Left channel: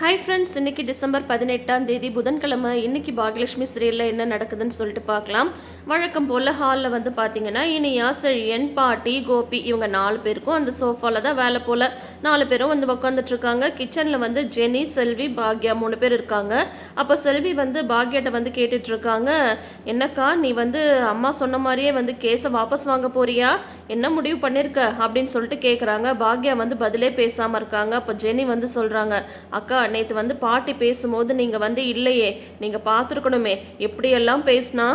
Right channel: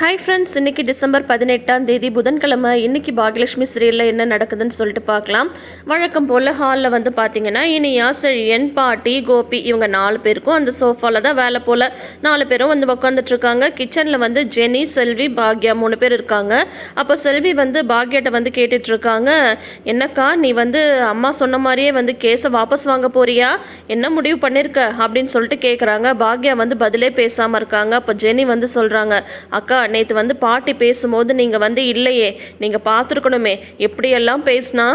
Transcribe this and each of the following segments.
Hi friends இன்னைக்கு December பதினெட்டாம் தேதி புதன்கிழமை. இன்னைக்கு பாகியலட்சுமி சீரியலில் என்ன நடக்குதுன்னு சொல்லிட்டு பார்க்கலாம். வழக்கம் போல் ஹாலில் வந்து பார்த்தீங்கன்னா இனியா செழியன் பாட்டி கோபி இவங்க நாலு பேருக்கும் அந்த சோஃபாவில் தான் வேலை போல் நாலு பேரும் வந்து உட்காந்துட்ருக்காங்க கிச்சனில் வந்து ஜெனி செல்வி பாக்யா மூணு பேர் இருக்காங்க. அப்போ செல்வி வந்து பாக்யாட்ட வந்து கேட்டுட்ருக்காங்க என்னக்கா நீ வந்து அம்மா சொன்ன மாதிரியே வந்து கேஸை வாபஸ் வாங்க போறியா? என்ன முடிவு பண்ணியிருக்க அப்படின்னு சொல்லிட்டு கேட்குறாங்க பாக்யா வந்து பதிலே பேசாமல் இருக்காங்க. அப்போ ஜெனி வந்து சொல்கிறாங்க அக்கா நேற்று வந்து பாட்டி பேசும்போது நீங்கள் வந்து இல்லையே நீங்கள் பார்த்துருக்கணுமே எப்படியெல்லாம் பேசினா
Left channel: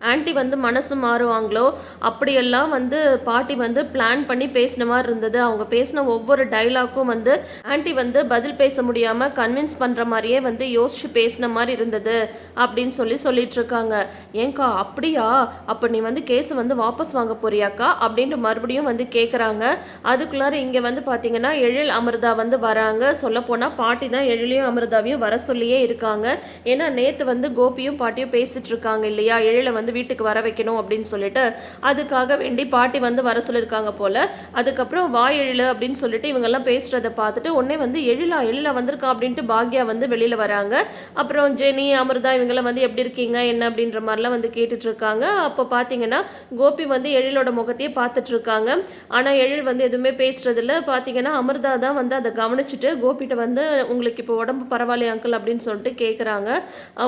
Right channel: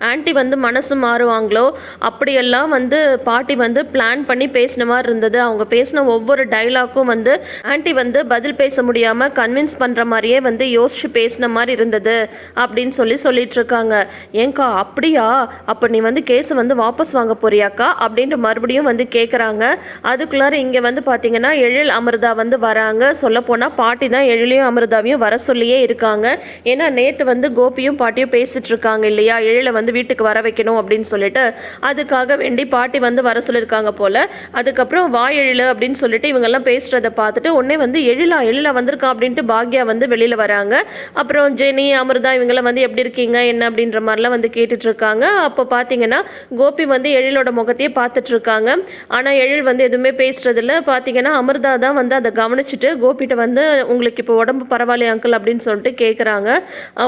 ஆன்ட்டி வந்து மனசு மாறுவாங்களோ? அப்படியெல்லாம் வந்து பாட்டி வந்து பிளான் பண்ணி பேசின மாதிரி இருந்தது. அவங்க பேசின ஒவ்வொரு டைலாக்கும் வந்து ஆண்டி வந்து பதில் பேச முடியாமல் கன்வின்ஸ் பண்ணுற மாதிரியே வந்து யோசிச்சு பேசின மாதிரி இருந்தது அப்படின்னு சொல்லி சொல்லிட்டு இருக்காங்க. ஏங்கா அப்படியா? அப்போ நீ வந்து கேஸை வந்து வாபஸ் வாங்க போறியாக்கா? அப்படின்ட்டு மறுபடியும் வந்து கேட்குறாங்க அதுக்குள்ளார இங்கே வந்து பார்த்தீங்கன்னா எழில் அமிர்தா வந்து வராங்க. சொல்லப்போனால் பாட்டி தான் எழிலையும் அமிர்தாவையும் வர சொல்லியே இருக்காங்க. ஏன்னா நேற்று வந்து கோபியும் பாட்டியும் பேசிட்டு இருக்காங்க இல்லையா? எழில வந்து வந்து வீட்டுக்கு வர வைக்கணும் அப்படின்னு சொல்லிட்டு அதுக்காக வேண்டி பாட்டி வந்து வர சொல்லியிருக்காங்க போல். அதுக்கப்புறம் வா எழில் அப்படின்னு சொல்லிட்டு இவங்கெல்லாம் பேசுகிறத பார்த்துட்டு உடனே வந்து எழிலா எழிலா வந்திருக்கா அப்படின்ட்டு பாக்யா வந்து வெளியில் வராங்க. அப்புறம் ஜெனி அமிர்தா இவங்கெல்லாம் வந்து எப்படி இருக்கீங்க என்ன அப்படின்ற மாதிரிலாம் வந்து கேட்டுட்டு இருக்காங்க. அப்போ பார்த்தீங்கன்னா கோபி வந்து எழிலோட முகத்தையே பார்த்துட்டு இருக்காங்க. ஆனால் எழில் வந்து எதுவுமே பேசுறதில்ல. பார்த்தீங்கன்னா அமிர்தா தான் வந்து அதை கவனிச்சுட்டு கோபிகிட்ட வந்து உங்களுக்கு இப்போ உடம்பு பரவாயில்லையா அங்கிள் அப்படின்னு சொல்லிட்டு கேட்குறாங்க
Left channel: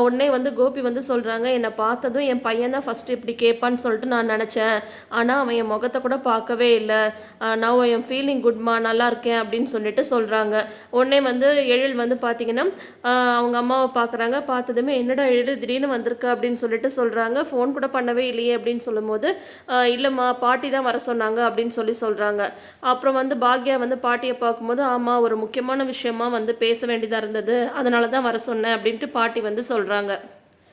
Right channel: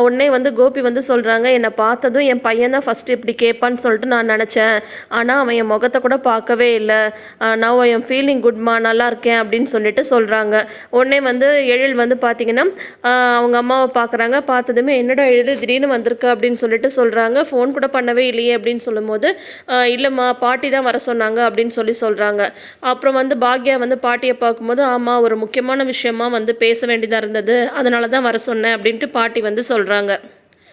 உடனே வந்து கோபி வந்து சொல்கிறாங்க என்னை பார்த்ததும் என் பையன் தான் ஃபஸ்ட்டு இப்படி கேட்பான்னு சொல்லிட்டு நான் நினச்சேன். ஆனால் அவன் என் முகத்தை கூட பார்க்கவே இல்லை. நான் என் ஃபீலிங் குட்மா நல்லா இருக்கேன் அப்படின்னு சொல்லிட்டு சொல்கிறாங்க உடனே வந்து எழில் வந்து பார்த்தீங்கன்னா அவங்க அம்மாவை பார்க்குறாங்க பார்த்ததுமே என்னடா எழில் திடீர்னு வந்திருக்க? அப்படின்னு சொல்லிட்டு சொல்கிறாங்க ஃபோன் கூட பண்ணவே இல்லையே அப்படின்னு சொல்லும்போது இல்லைம்மா பாட்டி தான் வர சொன்னாங்க அப்படின்னு சொல்லி சொல்கிறாங்க அப்புறம் வந்து பாக்யா வந்து பாட்டியை பார்க்கும்போது ஆமாம் ஒரு முக்கியமான விஷயமா வந்து பேச வேண்டியதாக இருந்தது. அதனால தான் வர சொன்னேன் அப்படின்ட்டு பாட்டி வந்து சொல்கிறாங்க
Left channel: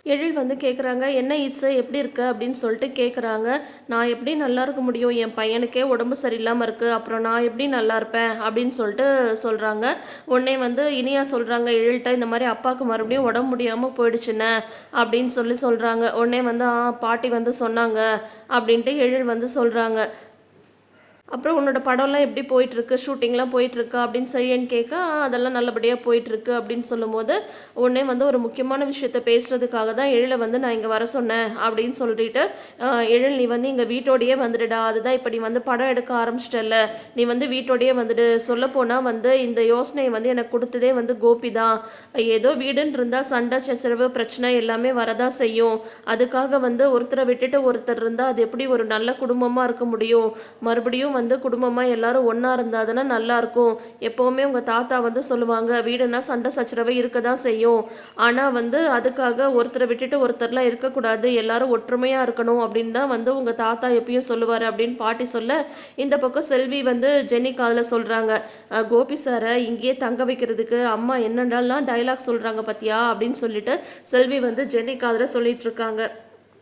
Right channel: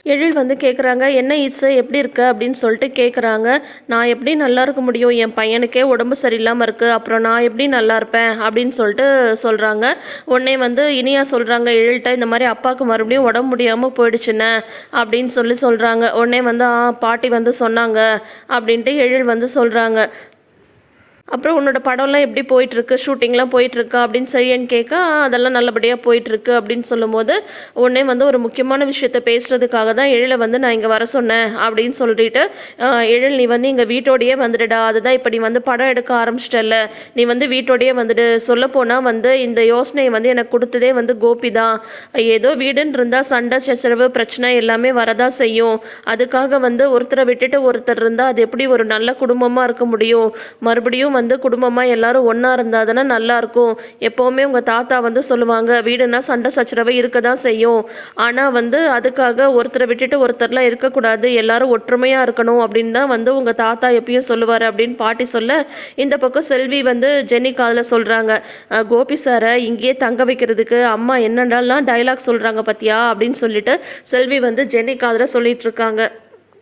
எழில் வந்து கேட்குறாங்க என்ன இசை எப்படி இருக்க? அப்படின்னு சொல்லிட்டு கேட்குறாங்க நான் எப்படி நல்லா இருக்க முடியும்? என் பையனுக்கே உடம்பு சரியில்லாமல் இருக்குது அப்புறம் நான் எப்படி நல்லா இருப்பேன்? அப்படின்னு சொல்லிட்டு சொல்கிறாங்க உடனே வந்து இனியா சொல்கிறாங்க எழில்கிட்ட இந்த மாதிரி அப்பாவுக்கு மறுபடியும் உடம்பு முடியாமல் போயிடுச்சுன்னு அப்படின்னு சொல்லி சொல்கிறாங்க உடனே வந்து ஆ பாட்டி வந்து சொன்னாங்க அப்படின்ட்டு எழில் வந்து சொல்கிறாங்க அப்புறம் உன்னோட படம்லாம் எப்படி போயிட்டுருக்கு? ஷூட்டிங்லாம் போயிட்டுருக்கா? அப்படின்னு சரின்னு கேட்க அதெல்லாம் நல்லபடியாக போயிட்டுருக்கு அப்படின்னு சொல்லும்போது உடனே வந்து ஒரு முக்கியமான விஷயத்த பேசுகிறதுக்காக தான் எழிலை வந்து நான் இங்கே வர சொன்னேன் அப்படின்னு சொல்லிட்டு எழில் நீ வந்து இங்கே வீட்டோடையே வந்துடுடா. அதுதான் இப்போ நீ வந்து படம் எடுக்க ஆரம்பிச்சிட்டல நீ வந்து வீட்டோடையே வந்துடு. சொல்லப்போனால் வந்து இந்த யோசனையை வந்து எனக்கு கொடுத்ததே வந்து கோபி தான். ஏதோ வீடுன்னு இருந்தால் சண்டை சச்சரவு பிரச்சனை எல்லாமே வரதா செய்யும். அதுக்காக வந்து ஒருத்தரை விட்டுட்டு ஒருத்தர் இருந்தால் அது எப்படி ஒரு நல்ல குடும்பமாக இருக்க முடியும்? மறுபடியும் வந்து வந்து குடும்பமாக எல்லாரும் ஒன்றா இருந்தால் தானே நல்லாயிருக்கும் எப்போவுமே உங்கள் தாத்தா வந்து சொல்லுவாங்க வீடுனா சண்டை சச்சரவை இருக்க தான் செய்யும். ஆனால் வந்து அதுக்காக ஒருத்தரை விட்டுட்டு ஒருத்தர்லாம் இருக்கக்கூடாது. எல்லாரும் ஒற்றுமையாக இருக்கணும் அப்படின்னு தான் வந்து உங்கள் தாத்தா எப்பயும் சொல்லுவார் அப்படின்னு பாட்டி சொல்ல இந்த பக்கம் செல்வி வந்து ஜெனி காதில் சொல்கிறாங்க கோபி சாரை இங்கேயே தங்க வைக்கிறதுக்கு அம்மா என்னென்னலாம் டைலாக் சொல்கிறாங்க பத்தியா அப்படின்னு சொல்லிட்டு செல்வி வந்து ஜெனி காதில் சொல்லிட்டு இருக்காங்க.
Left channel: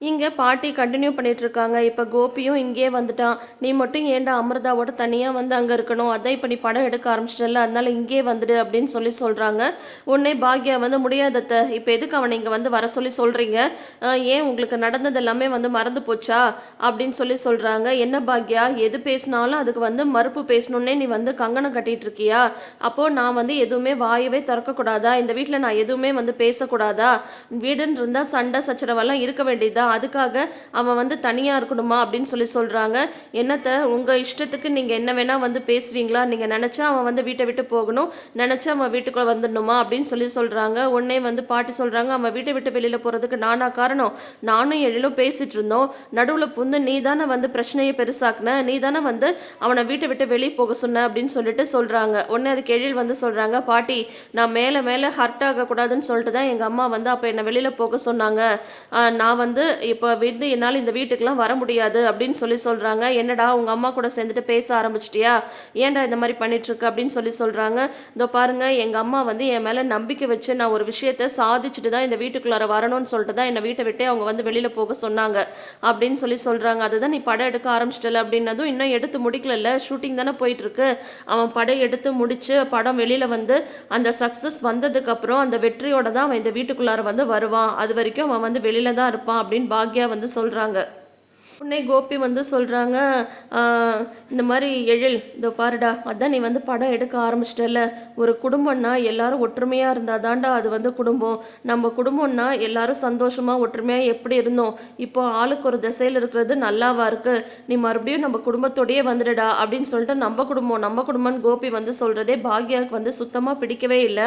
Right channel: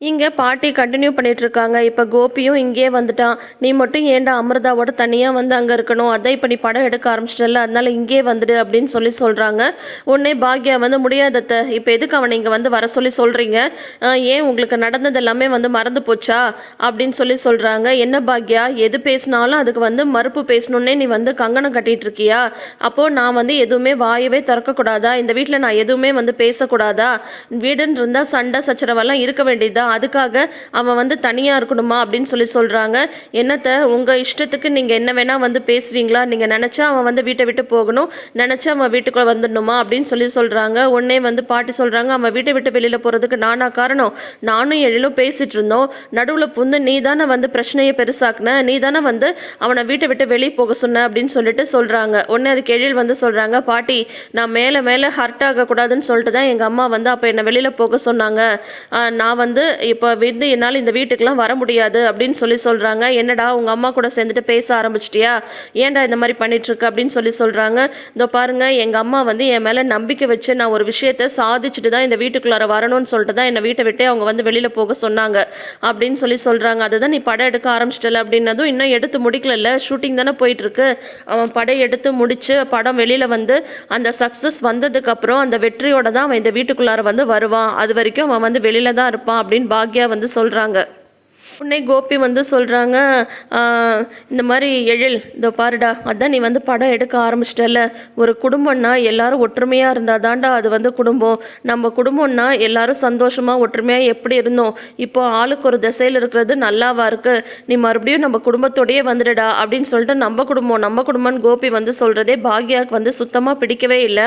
இங்கே பாட்டி கண்டினியூ பண்ணிகிட்ருக்காங்க இருக்காங்க. இப்போ கோபியும் இங்கே வந்துட்டான். நீ மட்டும் ஏன்டா அமிர்தாவோட தனியாக வந்து அங்கே இருக்கணும்? அதான் இப்போ நீ படம் எடுக்க ஆரம்பிச்சிட்டல அதனால இங்கே வந்துடு அப்படின்னு சொல்லி சொல்கிறாங்க உடனே பாக்யா வந்து முடியாதத்த இப்போ எதுக்கு அவனை இங்கே வந்து வர சொல்லி சொல்கிறீங்க ஏன் உங்களுக்கு நடந்தது எல்லாமே வந்து மறந்து போச்சா? அப்படின்னு சொல்லி சொல்கிறாங்க என்ன பாக்யா? எது பேசினாலும் அதுக்கு வந்து மறுப்பு பேசணுன்னே நீ வந்து கங்கணம் கட்டிகிட்டு இருக்கியா? அப்போது நான் வந்து எதுவுமே வாயவே திறக்கக்கூடாதா? இந்த வீட்டில் நான் எதுவுமே வந்து பேசக்கூடாதா? வீடுன்னு இருந்தால் சண்டை சச்சரவெல்லாம் இருக்க வேண்டியதா அதுக்காக அவன் வந்து தனியாக இருக்கணுமா அப்படின்னு சொல்லி சொல்கிறாங்க என்னத்தை உங்கள் இஷ்டத்துக்கு நீங்கள் என்ன வேணால் வந்து பேசுவீங்களா? நீங்கள் நினச்சா அவன் வந்து வீட்டை விட்டு போகணும். நினச்சா அவன் வீட்டுக்குள்ளே வந்துடணுமா அப்படின்னு சொல்லி சொல்கிறாங்க உடனே வந்து பாட்டி சொல்கிறாங்க அவன் வீட்டை விட்டு வெளியில் போகிறதுக்கு நானா காரணம்? நானும் எழிலும் பேசிகிட்டு இருந்தோம். நடுவில் புந்து நீ தானே வந்து பிரச்சனையை பெருசாக்குன? நீ தானே வந்து அவனை வீட்டை விட்டு வெளியே போக சொன்ன? அப்படின்னு சொல்லிட்டு சொல்கிறாங்க உடனே அதுக்கு எழில் வந்து சொல்கிறாங்க பாட்டி நான் மேலே மேலே ஹர்ட் ஆகக்கூடாதுன்னு சொல்லிட்டு தான் எங்கள் அம்மா வந்து அப்போ என்னை வெளியில் போக சொன்னாங்க. நான் வந்து இப்போ வந்து என்னால் இந்த வீட்டுக்கெலாம் வர முடியாது அப்படின்னு சொல்லி சொல்கிறாங்க என்னடா உங்கள் அம்மா கூட சேர்ந்துட்டு பேச ஆரம்பிச்சிட்டியா? ஏன்டா இந்த மாதிரி பண்ணிட்டுருக்க அப்படின்னு சொல்லி சொல்கிறாங்க இதோ பாருங்கள் எங்கள் அம்மா வந்து என் மேலே நம்பிக்கை வச்சு நான் ஒரு விஷயத்த சாதிச்சுட்டு தான் இந்த வீட்டுக்குள்ளார வரணும்னு சொல்லிட்டு தான் என்னை வீட்டை விட்டே அவங்க வந்து வெளியில் போக சொன்னாங்க அப்படின்னு சொல்லி சொல்கிறாங்க அதுதான் நீ படம் எடுக்க ஆரம்பிச்சிட்டல அப்படின்னதும் இன்னும் எடுத்து முடிக்கல ஷூட்டிங் தானே போயிட்டுருக்கு. அவன் படம் எடுத்து முடித்து படம் வெளியில் வந்து அந்த சக்ஸஸ் வந்ததுக்கப்புறம் அந்த வெற்றியோட தான் அவன் இந்த வீட்டுக்குள்ளார வந்து வருவான். அது வரைக்கும் அவன் வந்து வெளியில் தான் இருப்பான் அப்படின்னு பாக்யா வந்து சொல்கிறாங்க உடனே கோபி வந்து சொல்கிறாங்க இந்த மாதிரி எழில் இதோ பாருடா அதான் நீ வந்து படம் எடுக்க ஆரம்பிச்சிட்டல ஒரு குடும்பம்னா எல்லாரும் ஒற்றுமையாக இருந்தால் தாண்டா அது வந்து குடும்பம். நம்ம குடும்பம்னா எல்லாரும் சந்தோஷமாக ஒற்றுமையாக எப்படி இருந்தோம்? இப்போ ஆளுக்கு ஒரு திசையில் இருக்கிறது நல்லாவா இருக்கு? நீ மறுபடியும் நம்ம குடும்பத்தோடயே வந்துடுடா அப்படின்னு சொல்லிட்டு நம்ம குடும்பம் நம்ம குடும்பம்னு கோபி வந்து சொல்கிறதே பாக்யாவுக்கு வந்து சுத்தமாக பிடிக்கவே இல்லை.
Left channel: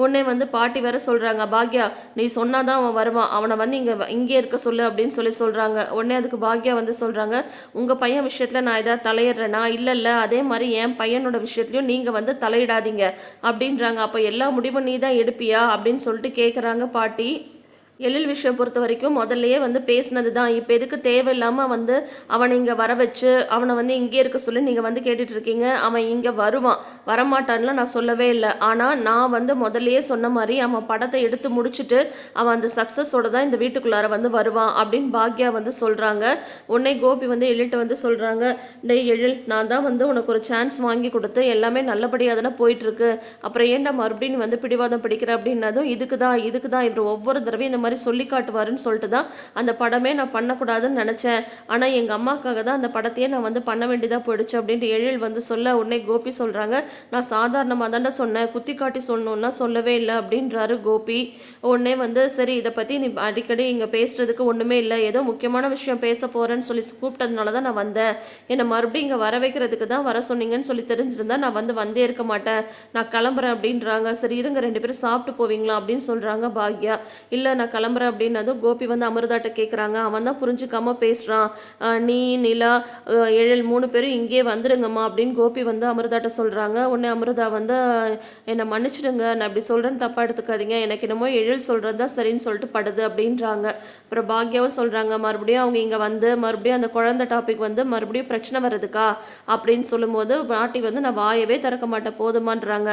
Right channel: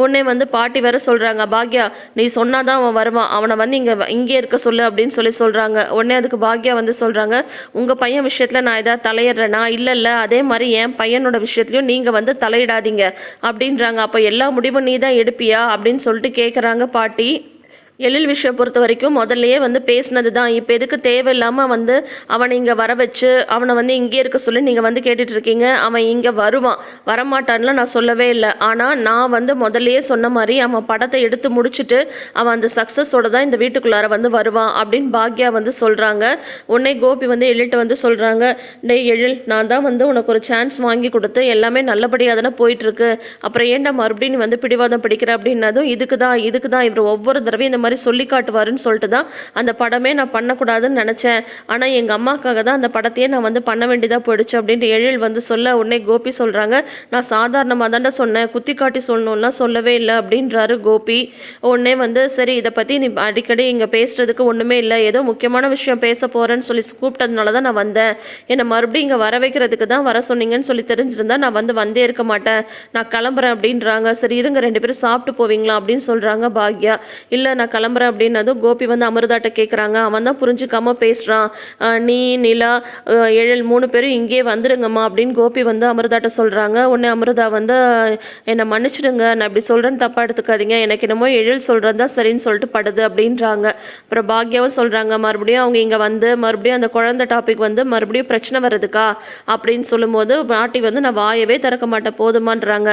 உடனே வந்து பாட்டி வேற சொல்கிறாங்க பாக்யா நீ சொன்னாதான் அவன் வருவான். அவனை வந்து இங்கே இங்கே இருக்க சொல்லு அப்படின்னு சொல்லி சொல்கிறாங்க உடனே அதுக்கு பாக்யா வந்து சொல்கிறாங்க உங்கள் பையன் விஷயத்தில் நான் ஏதாவது தலையிடுறேனா? இல்லை இல்லை. அதே மாதிரி என் பையனோட விஷயத்துலையும் நீங்கள் வந்து தலையிடாதீங்க. அப்படின்றாங்க. அப்போ எல்லா முடிவும் நீ தான் எடுப்பியா? அப்படின்னு சொல்லிட்டு கேட்குறாங்க பாட்டி. எழில் விஷயம் பொறுத்த வரைக்கும் முதல்லையே வந்து பேசினது தான் இப்போ எதுக்கு தேவையில்லாமல் வந்து அவனை இங்கே வர வச்சு அவனை வந்து இங்கே இருக்க சொல்லி நீங்கள் வந்து கேட்டுட்டு இருக்கீங்க அவன் இங்கே வருவான். வரமாட்டான்லாம் நான் சொல்லவே இல்லை. ஆனால் நான் வந்து முதல்லையே சொன்ன மாதிரி அவன் படத்தை எடுத்து முடிச்சுட்டு அவன் அந்த சக்ஸஸோட தான் இந்த வீட்டுக்குள்ளார வந்து வருவான் அப்படின்னு பாக்யா வந்து சொல்கிறாங்க உன்னை கோபி வந்து எழில்கிட்ட வந்து சொல்கிறாங்க டே எழில் நான் தான் வந்து உனக்கு ஒரு சான்ஸ் வாங்கி கொடுத்து எல்லாமே நல்லபடியாக தானே போயிட்டுருக்கு. அப்புறம் ஏன்டா மறுபடியும் வந்து பிடிவாதம் பிடிக்கிற? அப்படின்னதும் இதுக்கு தான் இதுக்கு தான் இவர் ஒவ்வொரு தடவையும் இந்த மாதிரி சொல்லி காட்டுவாருன்னு சொல்லிட்டு தான் அந்த படமே நான் பண்ணக்கூடாதுன்னு நினச்சேன். ஆனால் எங்கள் அம்மாக்காக தான் அந்த படத்தையே நான் வந்து பண்ண வேண்டியதாக போயிடுச்சு அப்படின்ட்டு எழில் வந்து சொல்ல உடனே கோபி சொல்கிறாங்க நான் சாதாரணமாக தாண்டா சொன்னேன். குத்தி காட்டி சொல்லணும்லாம் சொல்லவே இல்லை அப்படின்றாரு கோபி. உடனே வந்து சரி இதை பற்றி நீ அடிக்கடி இங்கே பேசுகிறதுக்கு ஒன்றுமே இல்லை. ஏதோ முக்கியமான விஷயம் பேச போகிறேன்னு சொல்லி கூப்பிட்டதுனால தான் நான் வந்தேன். என்னை மறுபடியும் இங்கே வர வைக்கிறதுக்கு தான் வர சொன்னீங்கன்னு சொல்லி தெரிஞ்சிருந்தா நான் வந்து வந்தே இருக்க மாட்டேன். நான் கிளம்புறேன் அப்படின்றாங்க. சரி இருங்க ரெண்டு பேரும் சாப்பிட்டு போவீங்களா? அப்படின்னு சொல்கிறாங்க பாக்யா. இல்லை நான் கிளம்புறேன் அப்படின்னதும் கோபி வந்து அமிர்தாட்ட கேட்குறாங்க அவன் தான் புரிஞ்சுக்காம பேசுகிறான் நீ நிலா ஏழல் மூணு பேரும் இங்கேயே வந்துடுங்கம்மா அப்படின்னு கோபி வந்து அமிர்தாட்ட சொல்கிறாங்க உடனே அமிர்தா வந்து என்னை மன்னிச்சிடுங்க. நான் இப்படி சொல்கிறேன்னு தப்பாக எடுத்துக்காதீங்க. எனக்கு என்னமோ எழில் சொல்கிறது தான் சரின்னு சொல்லிட்டு படுது அப்படின்றாங்க. அப்புறம் பாக்யாவும் சொல்கிறாங்க மறுபடியும் அவங்க இங்கே வந்து மறுபடியும் அந்த குழந்தை டாபிக் வந்து மறுபடியும் பிரச்சனை வருதுக்கா அப்படின்னு சொல்லும்போது பாட்டி வந்து நான் வாயவே திறக்க மாட்டேன். போதுமான்றாங்க.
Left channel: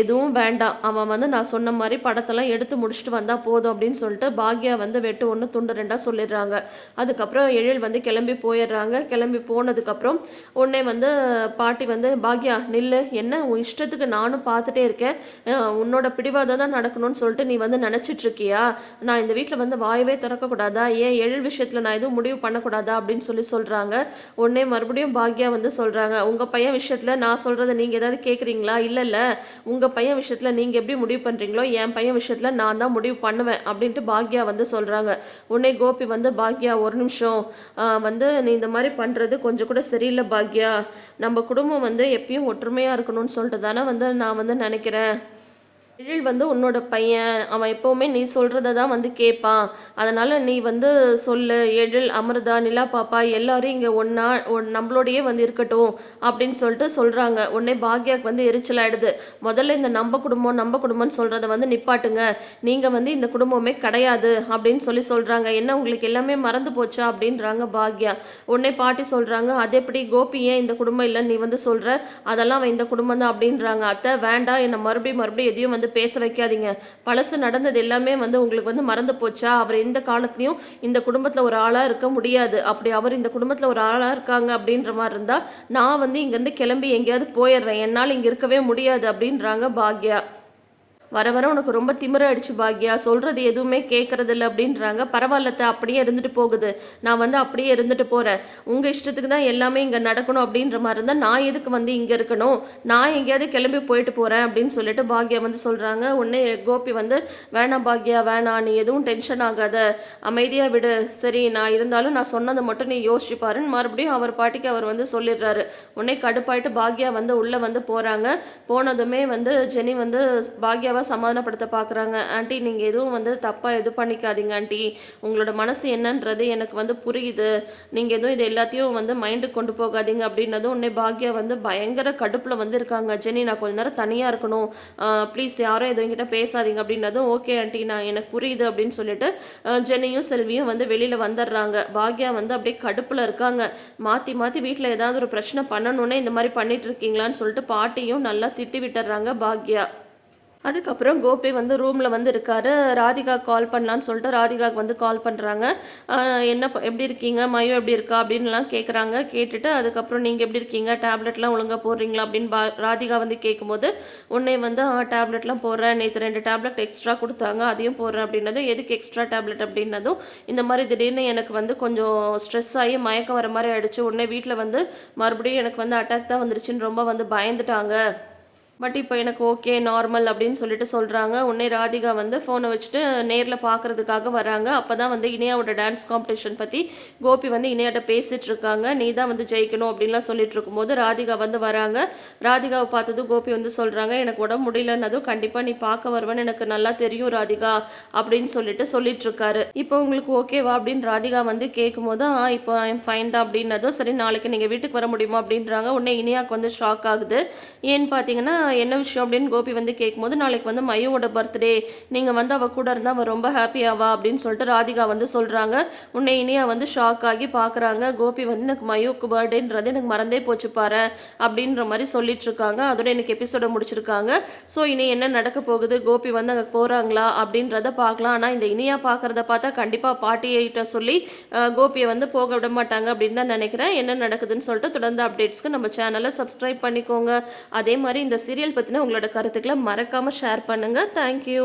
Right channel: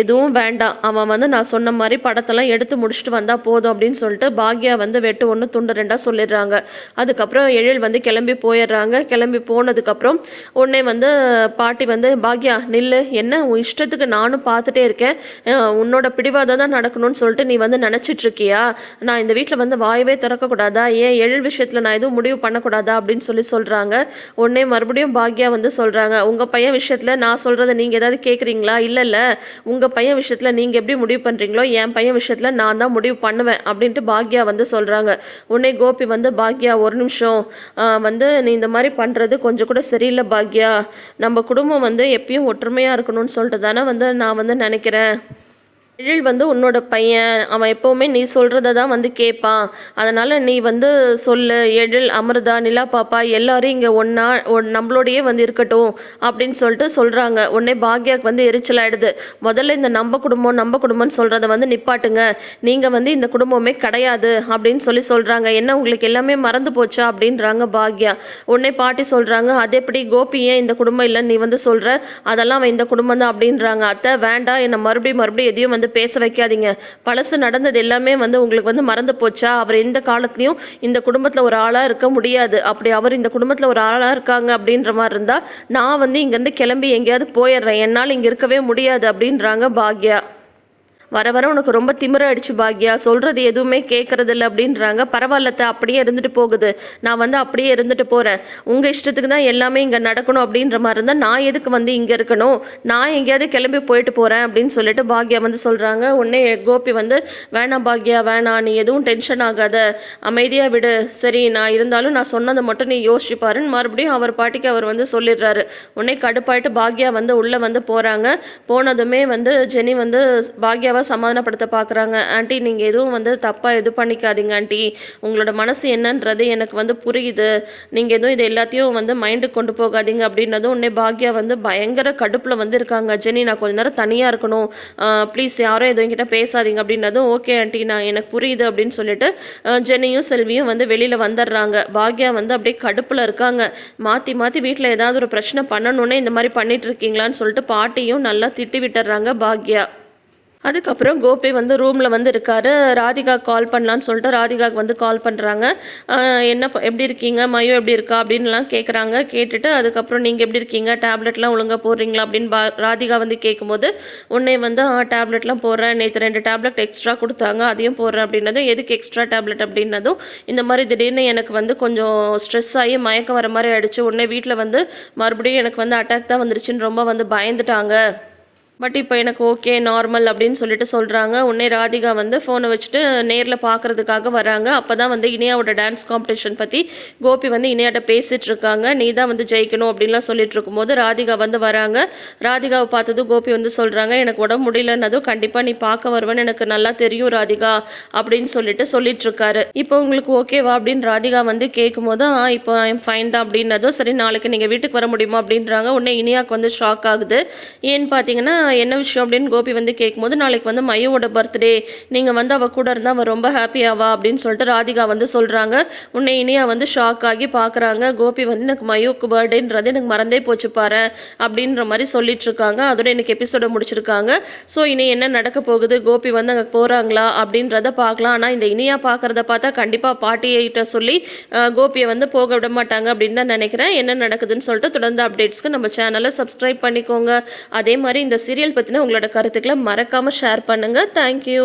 எதுவும் வேண்டாம். அவன் வந்து நான் சொன்ன மாதிரி படத்தெல்லாம் எடுத்து முடிச்சுட்டு வந்தால் போதும் அப்படின்னு சொல்லிட்டு பாக்யா வந்து வெட்டு ஒன்று துண்டு ரெண்டாக சொல்லிடுறாங்க. அதுக்கப்புறம் எழில் வந்து கிளம்பி போயிடுறாங்க. கிளம்பி போனதுக்கப்புறம் உடனே வந்து பாட்டி வந்து பாக்யா நில்லு. என்ன? உன் இஷ்டத்துக்கு நானும் பார்த்துட்டே இருக்கேன். உன்னோட பிடிவாதம் தான் நடக்கணும்னு சொல்லிட்டு நீ வந்து நினச்சிட்ருக்கியா? நான் இந்த வீட்டில் வந்து வாயவே திறக்கக்கூடாதா? ஏன் எழில் விஷயத்தில் நான் எதுவும் முடிவு பண்ணக்கூடாதா? அப்படின்னு சொல்லி சொல்கிறாங்க உடனே மறுபடியும் பாக்யா வந்து சொல்கிறாங்க உங்கள் பையன் விஷயத்தில் நான் சொல்கிறத நீங்கள் ஏதாவது கேட்குறீங்களா இல்லை இல்லை. உங்கள் பையன் விஷயத்தில் நீங்கள் எப்படி முடிவு பண்ணுறீங்களோ என் பையன் விஷயத்தில் நான் தான் முடிவு பண்ணுவேன். அப்படின்ட்டு பாக்யா வந்து சொல்கிறாங்க உடனே கோபி வந்து பாக்யா ஒரு நிமிஷம் வந்து நீ இந்த மாதிரி பண்ணுறது கொஞ்சம் கூட சரியில்லை பாக்யா. நம்ம குடும்பம் வந்து எப்பயும் ஒற்றுமையாக இருக்கணும்னு சொல்லிட்டு தானே வந்து நான் வந்து நினைக்கிறேன். எழில் வந்து உன்னோட பையன் அவன் எப்போவுமே நீ சொல்கிறத தான் வந்து கேட்பான். அதனால் நீ வந்து சொல்லு எழில் அமிர்தா நிலா பாப்பா எல்லாரும் இங்கே ஒன்றா ஒன் நம்மளோடையே வந்து இருக்கட்டும் அப்படின்னு சொல்லிட்டு சொல்கிறாங்க உடனே பாக்யாக்கு வந்து எரிச்சலாயிடுது. முதல்ல இந்த நம்ம குடும்பம் நம்ம குடும்பம்னு சொல்கிறத வந்து நிப்பாட்டுங்க. நீங்கள் வந்து இந்த குடும்பமே கிடையாது அப்படின்னு சொல்லி சொல்கிறாங்க என்ன உங்களுக்கு எல்லாமே மறந்து போச்சா அப்படின்றாங்க பாக்யா. உடனே பாட்டி சொல்கிறாங்க அது எப்படி கோபி ஏன் இந்த குடும்பம் இல்லைன்னு நீ வந்து சொல்கிற அதெல்லாம் அவன் இந்த குடும்பம் தான் அப்படின்றாங்க. அத்தை வேண்டாம் என்னை மறுபடியும் மறுபடியும் எதையும் வந்து பேச வைக்காதீங்க. பழசு நடந்தது எல்லாமே வந்து உங்களுக்கு வந்து மறந்து போச்சா? அவர் எந்த காலத்துலையும் இந்த குடும்பத்தில் ஒரு ஆளாக இருக்க முடியாது. அப்படி அவர் இந்த குடும்பத்தில் ஒரு ஆளாக இருக்காங்க அப்படின்ற மாதிரி இருந்தால் நான் வந்து இங்கேருந்து கிளம்பி எங்கேயாவது போயிடுறேன். என்னால் இங்கே இருக்கவே முடியாது அப்படின்றாங்க பாக்யா. வர வர உனக்கு ரொம்ப திமிர அடிச்சு பாக்யா. சொல்கிறது எதுவுமே கேட்கறது இல்லை அப்படின்றாங்க பரவாயில்லத்த அப்படியே இருந்துட்டு போகுது. நான் வந்து அப்படியே இருந்துட்டு போகிறேன் உங்கள் இஷ்டத்துக்கு தான் எல்லாமே இங்கே நடக்கணும் அப்படின்ற மாதிரி இருந்தால் நான் எதுக்கு வந்து இங்கே இருக்கணும்? நான் எங்கேயாவது கிளம்பி போயிட்டு போகிறேன் அப்படின்னு சொல்லிட்டு பாக்யா வந்து சொல்கிறாங்க உடனே கோபி வந்து வேணாம் பாக்யா வேணாம். நீ எதுவும் டென்ஷன் ஆகாத. அமைதியாக விடு. சரி நான் இருந்தாலும் நான் சொன்னதை மட்டும் நீ யோசிச்சுப்பாருன்னு மறுபடியும் அவர் பாட்டிக்கு அவர் வந்து சொல்லிடுறாரு. உடனே கடுப்பாயிட்டு பாக்யா வந்து உள்ளே வந்து போகிறாங்க போனதுமே வந்து ஜெனி வந்து பாக்யாவை சமாதானப்படுத்த பார்க்குறாங்க ஆண்டி நீங்கள் எதுவும் வந்து தப்பாக இது பண்ணிக்காதீங்க ஆண்டி. உங்களோட மனசு என்னன்றது எனக்கு வந்து புரியுது. நீங்கள் எதுவும் இது எல்லாத்தையும் வந்து மைண்டுக்கு கொண்டு போகாதீங்க அப்படின்னதும் உடனே பாக்யா வந்து பயங்கர கடுப்பில் வந்து இருக்காங்க. ஜெனி நான் கொஞ்ச நேரம் தனியாக இருக்கணும். ப்ளீஸ் யாரும் எதுவும் கிட்ட பேசாதீங்க அப்படின்னதும் ஓகே ஆண்டி. நான் எனக்கு புரியுது அப்படின்னு சொல்லிட்டு ஜெனியும் செல்வியும் வந்து வெளியில் வந்துடுறாங்க. பாக்யா வந்து அப்படியே கடுப்பில் இருக்காங்க. மாற்றி மாற்றி வீட்டில் ஏதாவது ஒரு பிரச்சனை பண்ணணுன்னே இந்த மாதிரி பண்ணிட்டு இருக்கீங்களான்னு சொல்லிட்டு பாட்டியும் நல்லா திட்டி விட்டுறாங்க பாக்யா. அதுக்கப்புறம் கோபி வந்து ரூமில் வந்து இருக்காரு. ராதிகா கால் பண்ணலான்னு சொல்லிட்டு ராதிகாவுக்கு வந்து கால் பண்ணுறாங்க என்ன எப்படி இருக்கீங்க? மயோ எப்படி இருக்கா? அப்படின்லாம் கேட்குறாங்க கேட்டுட்டு அதுக்கப்புறம் நீங்கள் எப்படி இருக்கீங்க? டேப்லெட்லாம் ஒழுங்காக போடுறீங்களா? அப்படின்னு பா ராதிகா வந்து கேட்கும்போது உன்னை வந்து ஆ டேப்லெட்லாம் போடுறேன். நேற்று ரெண்டு டேப்லெட் எக்ஸ்ட்ரா கொடுத்தாங்க. அதையும் போடுறேன். அப்படின்னதும் எதுக்கு எக்ஸ்ட்ரா டேப்லெட் அப்படின்னதும் இந்த மாதிரி திடீர்னு எனக்கு வந்து கொஞ்சம் ஸ்ட்ரெஸ் ஆகி மயக்கம் வர மாதிரி ஆயிடுச்சு. உடனே வீட்டில் வந்து மறுபடியும் எனக்கு வந்து அட்டாக் தான் வந்துருச்சுன்னு ரொம்ப வந்து பயந்துட்டாங்க. பட் இப்போ எனக்கு ஓகே நார்மல் அப்படின்னு சொல்லிட்டு சொல்கிறாங்க உடனே ராதிகா வந்து ஃபோனை வச்சுட்டு நேரில் பார்க்கறதுக்காக வராங்க அப்போ தான் வந்து இனியாவோட டான்ஸ் காம்படிஷன் பற்றி கோபி வந்து இனியாட்ட பேசிகிட்டு இருக்காங்க. நீ தான் வந்து ஜெயிக்கணும் அப்படின்லாம் சொல்லிட்டு இருக்கும்போது ராதிகா வந்து வராங்க. ராதிகாவை பார்த்ததும் கோபி வந்து சொல்கிறாங்க எனக்கு உடம்பு முடியலன்னதும் கண்டிப்பாக நீ பார்க்க வருவேன்னு எனக்கு நல்லா தெரியும் ராதிகா அப்படின்னு சொல்லிட்டு சொல்லிட்டு இருக்காரு. இப்போ உங்களுக்கு ஓகேவா அப்படின்னு ராதிகா வந்து கேட்கும்போது ஆ இப்போ ஐம் ஃபைன் தான் அப்படின்னதும் சரி நாளைக்கு நீங்கள் வீட்டுக்கு வர முடியுமா? அப்படின்றாங்க. உடனே இனியாவுக்கு வந்து ஷாக் ஆகுது. ஏன்னு பார்த்தீங்கன்னா என்ன விஷயம் அப்படின்னு கோபி வந்து கேட்கும்போது நாளைக்கு வந்து மையோட பர்த்டே நீங்கள் வந்து அவள் கூட இருந்தால் அவள் ரொம்ப ஹாப்பியாவா அப்படின்னு சொல்லிட்டு ராதிகா வந்து சொல்கிறாங்க உன்னை இனியா வந்து ஷாக் ஆகி பார்க்குறாங்க. கோபி வந்து எனக்கு மயோக்கு பர்த்டேன்றது எனக்கு மறந்தே போச்சு பாரு அப்படின்ற மாதிரி சொல்லிட்டு இருக்காங்க. அதோட எனக்கு எபிசோட முடிச்சிருக்காங்க. ஸோ இனி என்ன நடக்க போகுது? கோபி வந்து அங்கே போகிறாங்களா அப்படின்றத பார்க்கலாம். ஆனால் இந்த இனியா பார்க்குறத பார்த்தா கண்டிப்பாக பாட்டியிட்ட சொல்லி கோபியை வந்து போக விட மாட்டாங்க அப்படின்னு தான் நினைக்கிறேன். என்ன நடக்குதுன்னு சொல்லிட்டு தொடர்ந்து அப்டேட்ஸ்க்கு நம்ம சேனலை சப்ஸ்கிரைப் பண்ணிக்கோங்க. அதே மாதிரி இந்த சீரியல் பற்றின உங்களோட கருத்துக்களை மறக்காமல் ஷேர் பண்ணுங்கள் தேங்க்யூ